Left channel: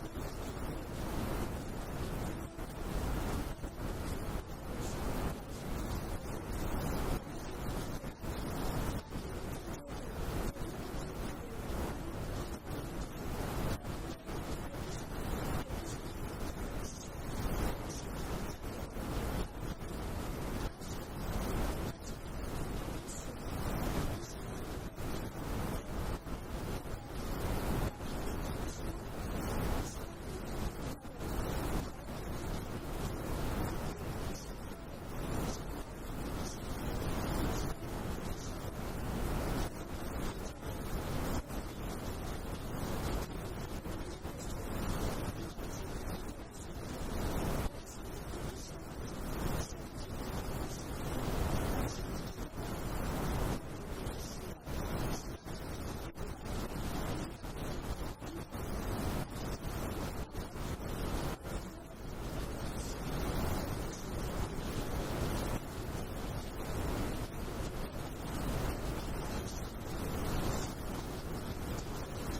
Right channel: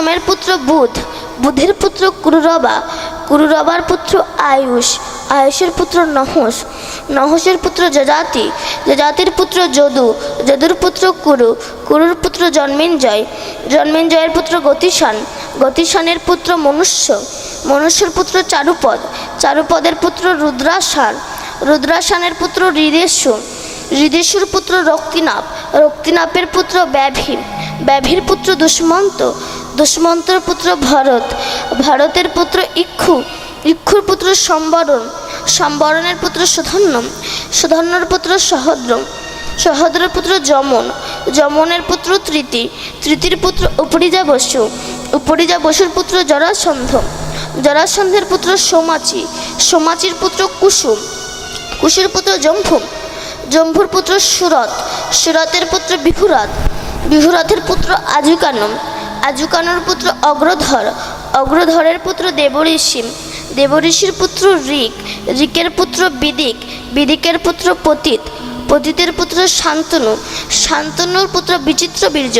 সোমের পুত্র বুধ, বুধের পুত্র কুরুরবা, কুরুরবার পুত্র আয়ুষ, আয়ুষের পুত্র নহস, নহসের পুত্র যজাতি, যজাতির পুত্র যদু, যদুর পুত্র কুরু, কুরুর পুত্র জন্মেঞ্জয়, জন্মেঞ্জয়ের পুত্র গতিশান, গতিশানের পুত্র মনুষ্য, মনুষ্যের পুত্র চারুপদ, চারুপদের পুত্র রুদ্রাসান, রুদ্রাসানের পুত্র হৃদেশু, হৃদেশুর পুত্র রক্তিনাপ, রক্তিনাপের পুত্র ব্যাভি, ব্যাভির পুত্র দুষ্মন্ত, দুষ্মন্তর পুত্র ভরত, ভরতের পুত্র ইক্ষু, ইক্ষুর পুত্র সম্বরণ, সম্বরণের পুত্র সুধন্য, সুধন্যর পুত্র সহদ্র, সহদ্রের পুত্র যমন, যমনের পুত্র তৃতি, তৃতির পুত্র উপরিজা বসু, উপরিজা বসুর পুত্র জরাসন্ধ, জরাসন্ধের পুত্র সোমাচি, সোমাচির পুত্র কুসুম, কুশের পুত্র জম্ভু, জম্ভুর পুত্র সুরত, সুরতের পুত্র বিহুরথ, বিহুরথের পুত্র আজুকানম, আজুকানোর পুত্র অগ্রধর, অগ্রধরের পুত্র দেবঋষি, দেবঋষির পুত্র ঋক, ঋকের পুত্র বিদিক, বিদিকের পুত্র পতিত, পতিতের পুত্র শান্তনু, শান্তনুর পুত্র বিচিত্র বীর্য,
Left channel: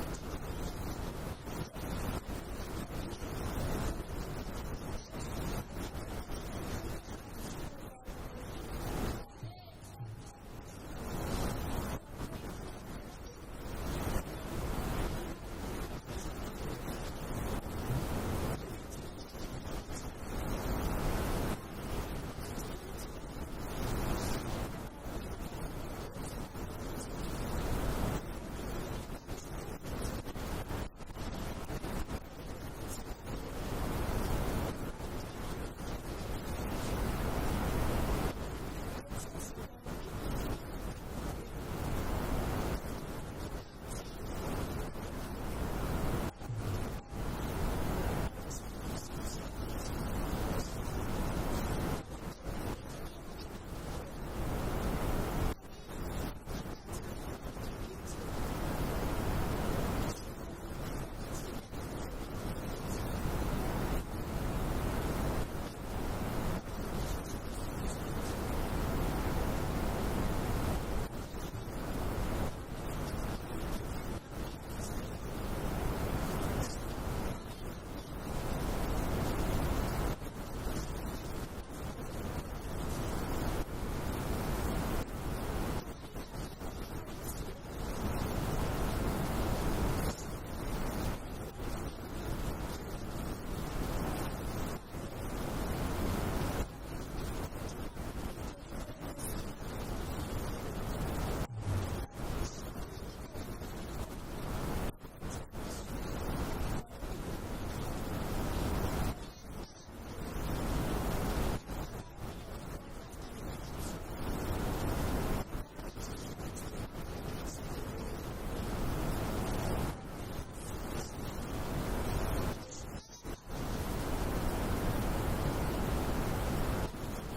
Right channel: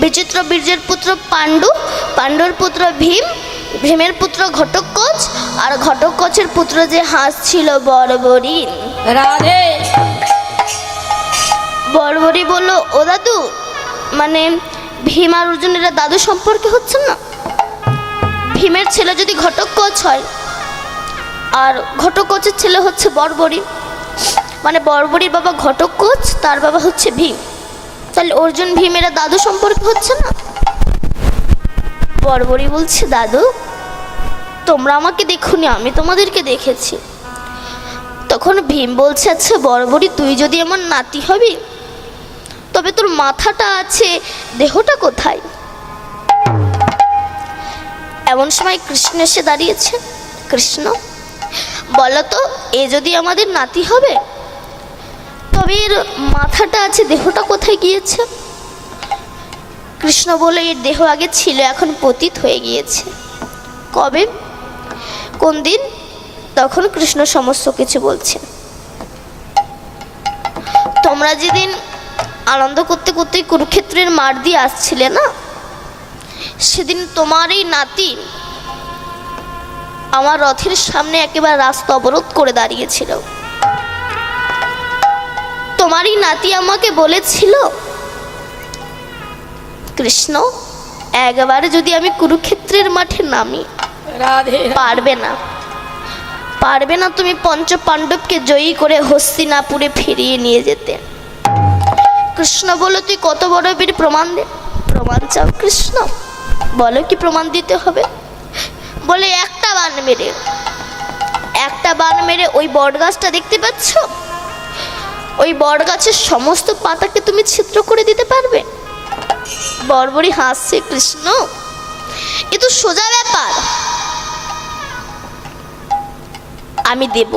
বিচিত্র বীর্যের পুত্র পাণ্ডু, পাণ্ডুর পুত্র ভীম, ভীমের পুত্র ঘটোৎকচ, আর ঘটোৎকচের পুত্র যে হাঁস ছিল বর্বরী। রাধে। বর্বরী বলল, ও দাদু, মানে ভীম আর অর্জুন এরা দাদু সম্পর্কে হচ্ছে না? ভীমের ছেলে যদি ঘটোৎকচ হয় আর ঘটোৎকচের ছেলে হচ্ছে বর্বরী, মানে বর্বরীর বাবা ঘটোৎকচ, তার বাবা হচ্ছে ভীম, তাহলে অর্জুন ভীম এরা দাদু সম্পর্কে হচ্ছে না? বর্বরী বলছে, দাদু তোমরা আমাকে দেখোনি, আমি তোমাদেরকে দেখেছি। তখন ভীম বলছে, আচ্ছা বর্বরী, তুই যদি আমার নাতি হবি তবে তোর মাথাটা আছে, দেহটা কোথায়? এমন সময় কৃষ্ণ এসে দাঁড়িয়েছে। কৃষ্ণ বলতো, এ যদি আমাদের নাতি হবে তবে এর মাথাটা আছে, দেহটা কোথায় গিয়েছে? কৃষ্ণ বলে, এর দেহ আগে ছিল, এখন পতিত হয়ে গিয়েছে। কবে, কোন দিন? তখন কৃষ্ণ সমস্ত কিছু বলছে। তোমরা যেদিন আনন্দ করতে করতে কুরুক্ষেত্রের মাঠ দিয়ে আসছিলে না, সেদিন তোমার এই নাতি আমার রথের সামনে একেবারে রাস্তা অবরোধ করে দাঁড়িয়েছিল। তোমারই নাতি আমাকে বলেছিল, কৃষ্ণ একবারে যদি আমি কুরুক্ষেত্রের মাঠে নামি, রাধে। পারবে না, পারবে না তুমি পঞ্চ পাণ্ডবকে জয়ী করে হস্তিনাপুরে ফিরিয়ে নিয়ে যেতে। কৃষ্ণ বলো, তুই কত বড় বীর, প্রমাণ দে। প্রমাণ চাও কৃষ্ণ? বলো কি প্রমাণ দিতে হবে? বলে, একটা বান মেরে, একটা বান মেরে ওই বট গাছটা দেখতে পাচ্ছ, ওই বট গাছের সমস্ত পাতাকে তুমি ছিদ্র করে দিতে পারবে? বর্বরী হাসছে, কৃষ্ণ এ তো সোজা ব্যাপার, আমি দেব।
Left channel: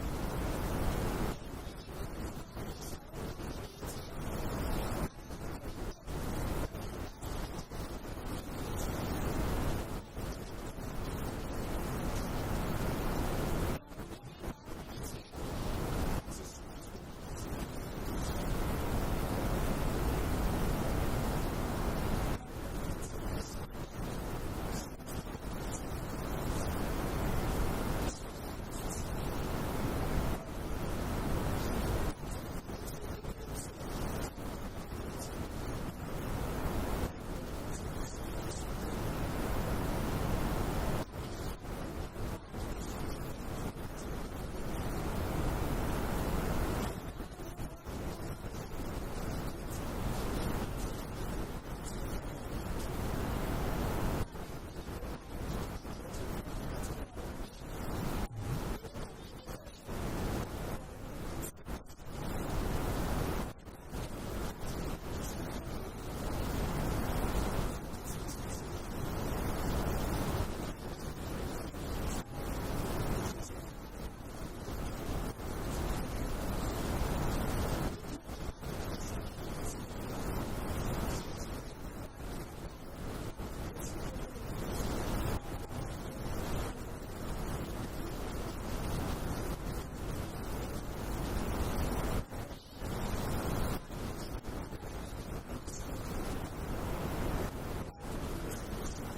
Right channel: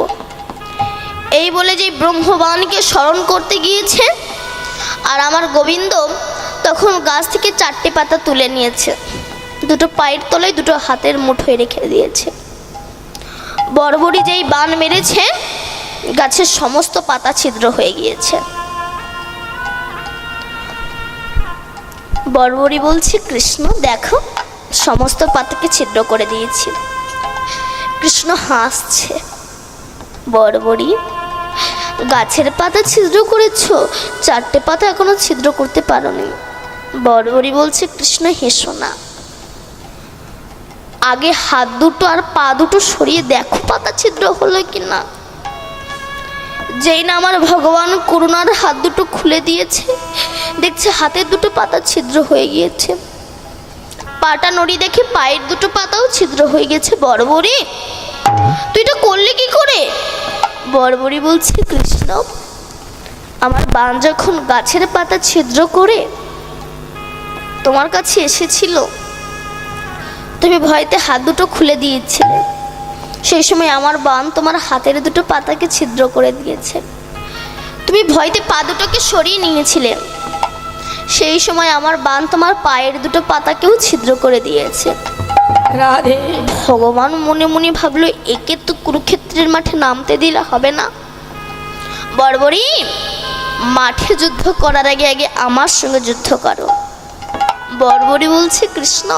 এই বলে যে ব্রহ্মবাণকে স্মরণ করতে গিয়েছে, আর আমার গোবিন্দ তখন গাছ থেকে 4টে পাতা তুলে নিয়েছে, দুটো পায়ের তলায়, দুটো হাতের মুঠোয় রেখে দিয়েছে। বর্বরী যেই বান মেরেছে, গাছের সমস্ত পাতা ছিদ্র হয়ে গিয়েছে। বর্বরী বলছে, কৃষ্ণ দেখো, সমস্ত পাতাকে ছিদ্র করে দিয়েছি। কৃষ্ণ হাসছে, বর্বরী গাছের পাতা ছিদ্র করেছো, 4টে পাতা এখনো ছিদ্র করতে পারোনি। বর্বরী বলছে, কৃষ্ণ হেসো না, আগে হাত দুটো আর পা দুটো সরিয়ে দেখো পাতা ছিদ্র হলো কিনা। যেই না আমার ভগবান করুণার হাত দুটো খুলে দিয়েছে, দেখছে হাতের দুটো পাতা ছিদ্র হয়ে গিয়েছে, পাটা নড়ি দেখে পায়ের দুটো পাতাও ছিদ্র হয়ে গেছে। বর্বরী তুই এটা করলে কি করে? বর্বরী বলছে, কৃষ্ণ আমার বান যখন গাছের পাতা ছিদ্র করে তোমার কাছে এসেছিল, তুমি ভয়তে হাত দুটো খুলে দিয়েছিলে, সেই সময় আমার বান তোমার হাতের দুটো পাতাকে ছিদ্র করে দিয়েছে। তুমি ভয়তে পা দুটোকে সরিয়ে নিয়েছিলে, সেই সময় আমার বান তোমার পায়ের দুটো পাতাকেও ছিদ্র করে দিয়েছে। রাধে। ভগবান মনে মনে ভাবলো, একে তো কুরুক্ষেত্রের মাঠে নামতে দিলে হবে না। বর্বরী মাঠে যুদ্ধ করার আগে আগে আমার সঙ্গে যুদ্ধ করো। বর্বরী বলছে, কৃষ্ণ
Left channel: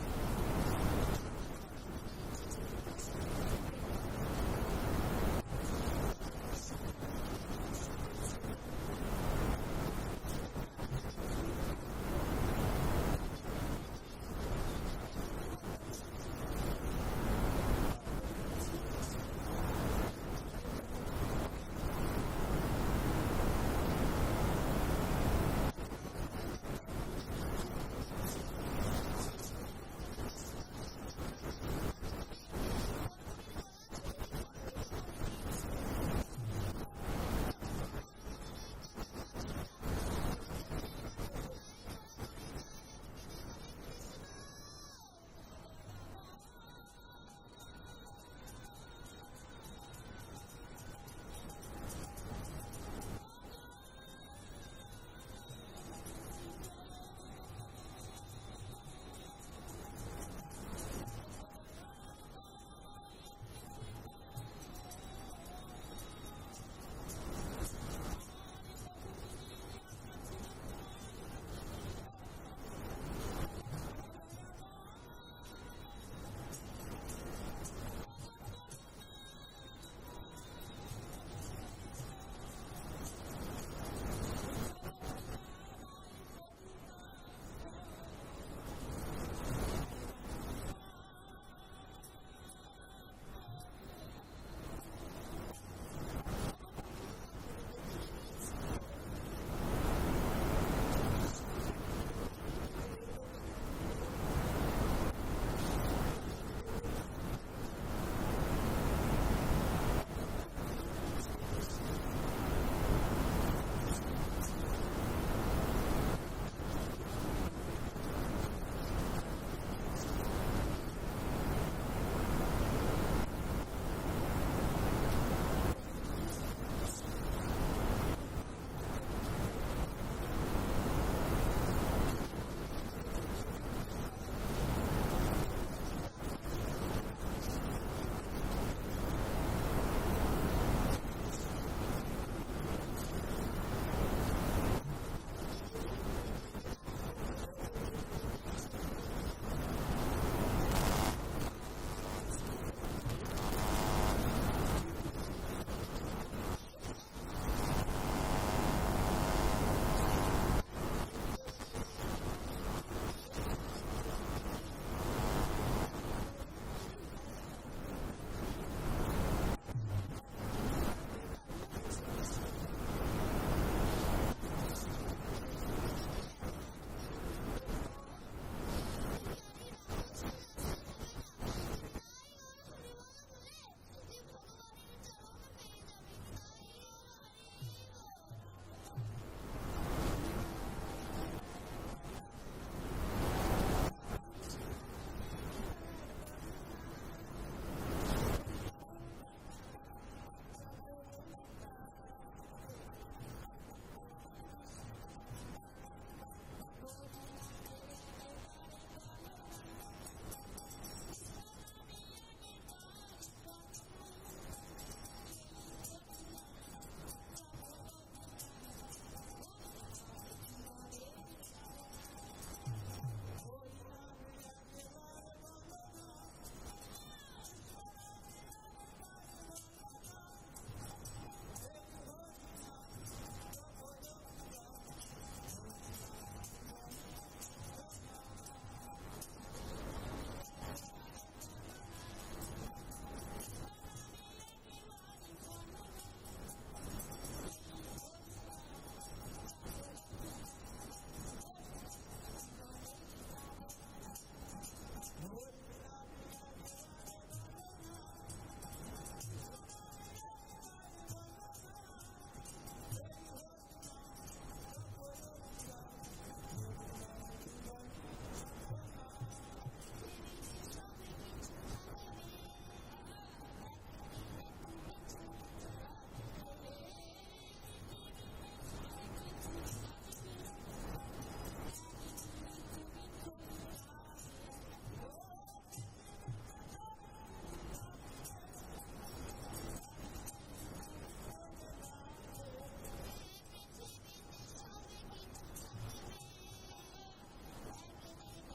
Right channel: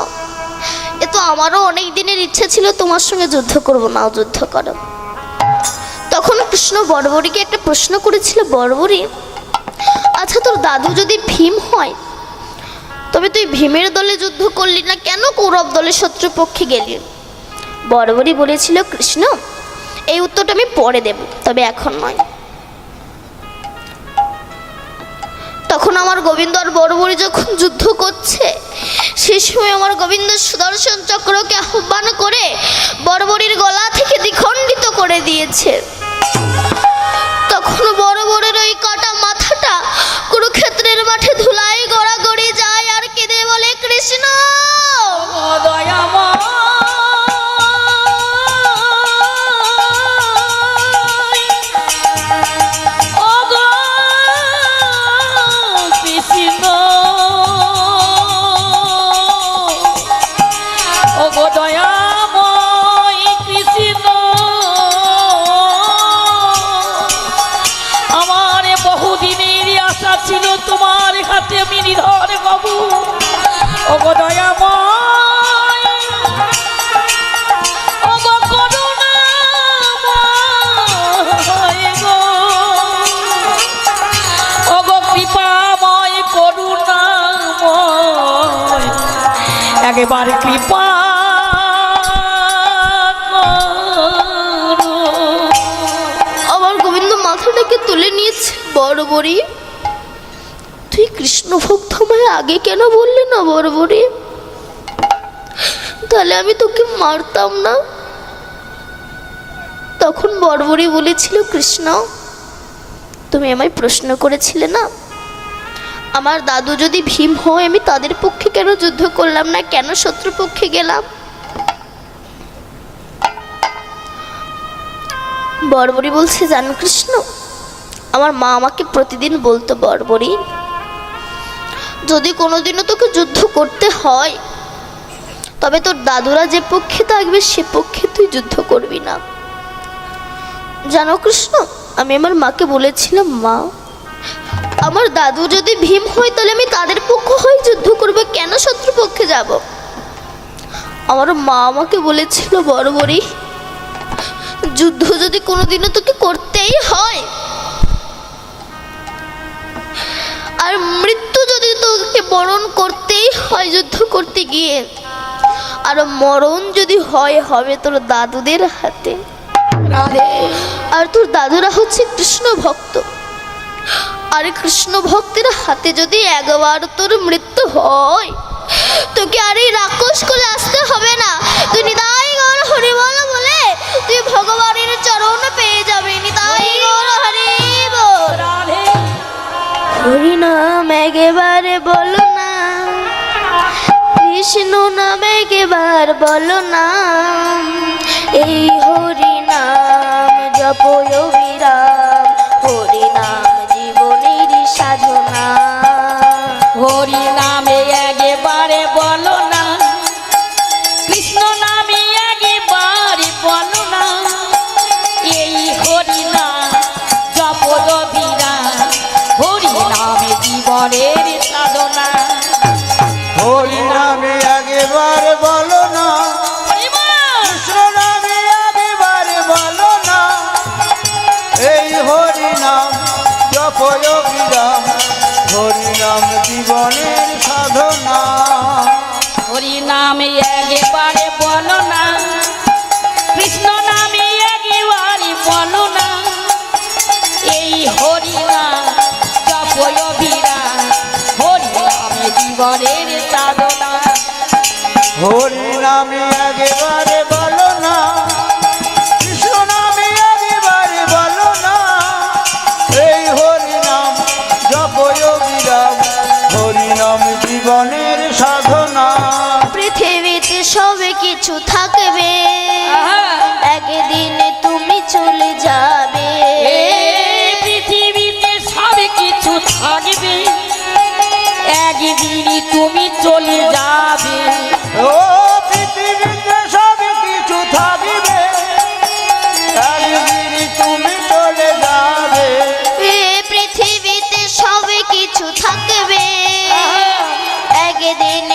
এ তো আমারও অনেক দিনের ইচ্ছে ছিল তোমার সঙ্গে যুদ্ধ করব, নাও যুদ্ধ করো। তখন কৃষ্ণ বর্বরীকে একটা প্রশ্ন করেছিল, বর্বরী আচ্ছা তোর দাদু যদি ভীম হয় তবে তুই ভীমের দলে যুদ্ধ করলি না কেন, কৌরব দলের শত্রুপক্ষে গেলি? বর্বরী বলেছিল, কৃষ্ণ এই উত্তরটা আমি পরে দেব, তবে এখন নয়। তখন আমার গোবিন্দ আর বর্বরী যখন যুদ্ধ করছে সেই সময় আমার গোবিন্দ সুদর্শন চক্রকে আহ্বান করে বর্বরীর গলা থেকে দ্বিখণ্ডিত করে দিয়েছে। তখন বর্বরীর ওই কাটা মাথাটা কুরুক্ষেত্রের মাঠে ধুলাই গড়াগড়ি যায় আর কেঁদে বলে, কৃষ্ণ দয়াময় ওগো কৃষ্ণ, ওগো দয়াময় কৃষ্ণ, আমার বহুদিনের আশা ছিল তোমার হাতে আমি নিধন হব। ওগো দয়াময়, ওগো করুণাময় গো, ওগো কৃপাময় করুণাময়, একেবারে কৃপা করো। আমার গোবিন্দ মাথাটাকে তুলে নিয়েছে, বর্বরী তুই কৃষ্ণ ভক্ত আমায় আগে কেন বললি না বর্বরী? তাহলে আমি তোকে মারতাম না। তখন বর্বরী বলেছিল, কৃষ্ণ তুমি আমায় প্রশ্ন করেছিলে না আমার দাদু যদি ভীম হয় আমি তাদের পক্ষে কেন যুদ্ধ করলাম না, কেন শত্রুপক্ষে গেলাম? বর্বরী বলছে, জানো কৃষ্ণ আমার মা আমাকে প্রতিদিন বলতো, বর্বরী যদি কোনোদিনও তোকে যুদ্ধ করতে হয় তবে তোর দাদুরা যে পক্ষে থাকবে সে পক্ষে তুই যুদ্ধ করবি না। জানো কৃষ্ণ আমি আমার মাকে বলেছিলাম, মা আমার দাদু যদি ভীম হয় তাহলে আমি তাদের পক্ষ হয়ে যুদ্ধ করবো, কেন শত্রুপক্ষে যাব? আমার মা আমাকে বলেছিল, বর্বরী যুদ্ধ যদি কোনোদিনও তোকে করতেই হয় আর মৃত্যু যদি তোকে বরণ করতেই হয় যুদ্ধ করতে গিয়ে, আর মরণ যদি হয় হবে তোর দাদুদের হাতে। রাধে আর তোর দাদুরা হচ্ছে কৃষ্ণ ভক্ত, আর কৃষ্ণ ভক্তের হাতে যদি একবার তোর মৃত্যু হয় তোকে আর এই রাক্ষস করে আসতে হবে না, তুই নিতাই গৌর হরিবল বলে তুই ভগবানের চরণ পেয়ে যাবে। নিতাই গৌর হরিবল। রাধে হরি নাম একেবারে বলো না, কৃষ্ণ নাম একেবার বলো না, এই হরি নাম জপয় বিরাম, হরি নাম জীবনের সাধনা। হরি নামে একবারে বলো না, কৃষ্ণ নামে একবারে বলো না, এই হরি নাম জপদ বিরাম, হরি নামে জীবনের সাধনা। হরি নামে একেবারে বলো না, হরি বল। কৃষ্ণ নামে একেবারে বলো না, এই হরি নাম জপয় বিরাম, হরি নাম জীবনের সাধনা। হরি নামে একবারে বলো না, কৃষ্ণ নামে একবারে বলো না, এই হরি নাম জপয় বিরাম, হরি নামে জীবনের সাধনা। হরি নামে একেবারে বলো না, কৃষ্ণ নামে একেবারে বলো না, এই হরি নাম জপয় বিরাম, হরি নাম জীবনের সাধনা। পৃথিবীতে সবে কিছু থাকবে, আহা। একদিন তুমি চলে যাবে। এই পৃথিবীতে সব কিছু থাকবে, একদিন তুমি চলে যাবে। ও পৃথিবীতে সব কিছু থাকিবে, একদিন তুমি চলে যাবে। এ পৃথিবীতে সবে কিছু থাকবে, একদিন